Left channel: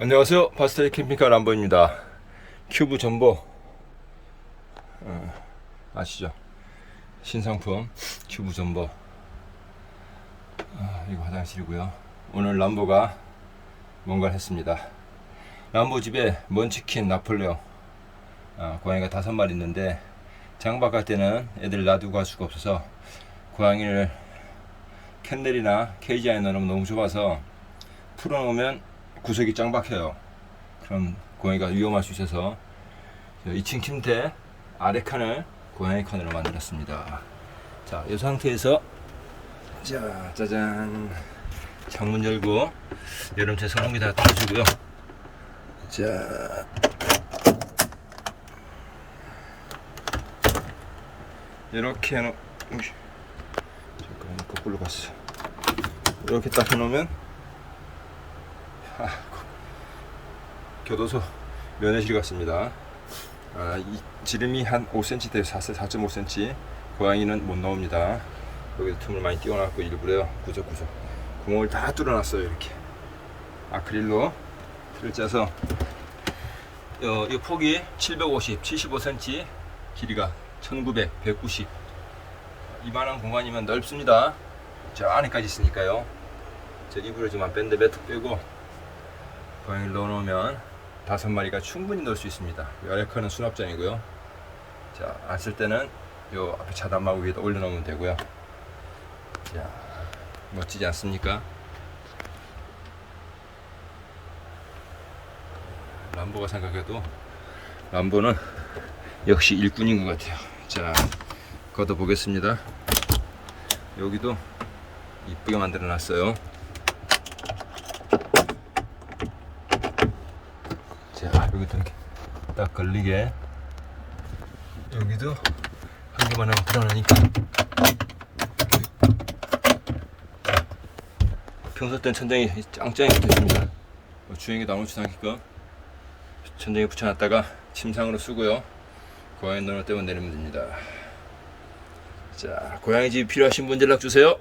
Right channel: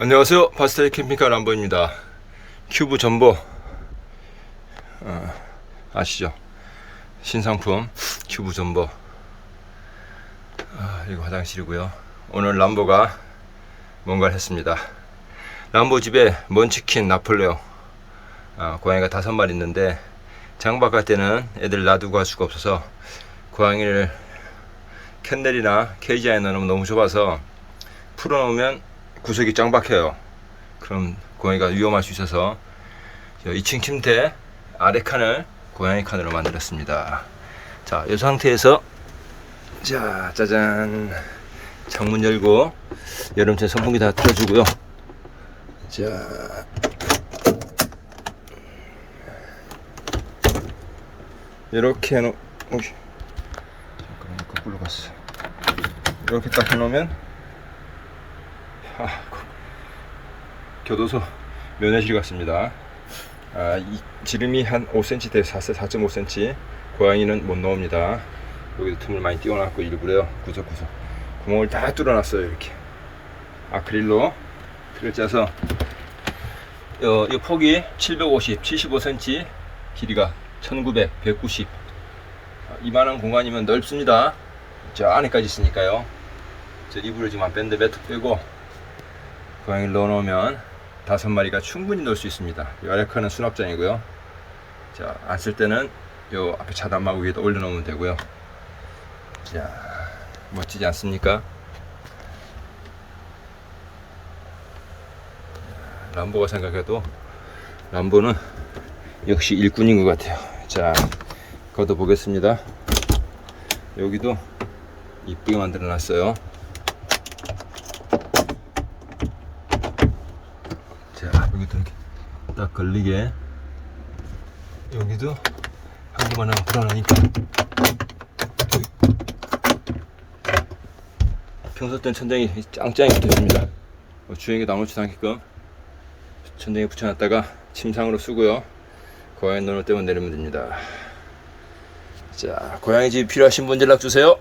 안녕하세요. 파스텔 캠핑카 람보입니다. 큐브 전보 어, 아시죠? 신상품 큐브 전보 아, 이거 화장실이고요. 오늘 람보가 뭔가를 했습니다. 람보 집에 먼치킨 나폴레옹 아, 고양이가 다섯 마리 있는데 장박 갈 때는 애들 놔두고 갈 수가 없어서 고양이를 캔넬이나 케이지 안에 넣으면 너무 좁아서 풀어놓으면 구석이 짱 박혀요. 그럼 고양이가 위험할 수 있어서 2층 침대 아래 칸을 고양이 칸으로 만들었습니다. 자, 이 상태에서 자, 짜잔. 창문 열고 여름철 선풍기 다 틀어주고요. 자. 이렇게 해놓, 잠깐만, 거꾸로 갔어. 이렇게 딱 해놓으면 아, 거- 교도소 면회실 같습니다. 아, 이 지름이 한 5cm 돼요. 4, 4.5cm. 고양이는 못 나옵니다. 여기도 틈을 많이 띄워놨고 일부러요. 구석구석 구멍을 다 뚫어놨어요. 이렇게 아크릴로 틀을 짜서 어, 이 폭이 750, 75cm, 길이가 1900, 190. 아, 이만한 공간이면 넓습니다. 저 안에까지 있으니까요. 저 이불을 지금 안 뺐는데 매트 빼고 고양이를 넣어놓으면 다섯 마리가 충분히 넣을 수 있습니다. 이 칸은 수납장이고요. 자, 안 쓸 때는 요 앞에 차단막 위에다 올려놓으면 되고요. 자, 멋지지 않습니까? 자, 람보가 생각해도 람보는 역시 일꾼인 것 같아요. 자, 걷어 보겠습니다. 여기도 이쁘게 만들어 놨어요. 자, 여기도 이렇게 딱 걸리게. 여기도 한 개만 하면 불안하니까. 평소 때는 천장이 짱짱이 붙어 있습니다. 뭐 주행에도 아무렇지도 않게끔 천장에 붙여놨다가 침상으로 쓰고요. 고양이 넣을 때만 내리면 됩니다. 자, 고양이 집 필요하신 분 연락 주세요.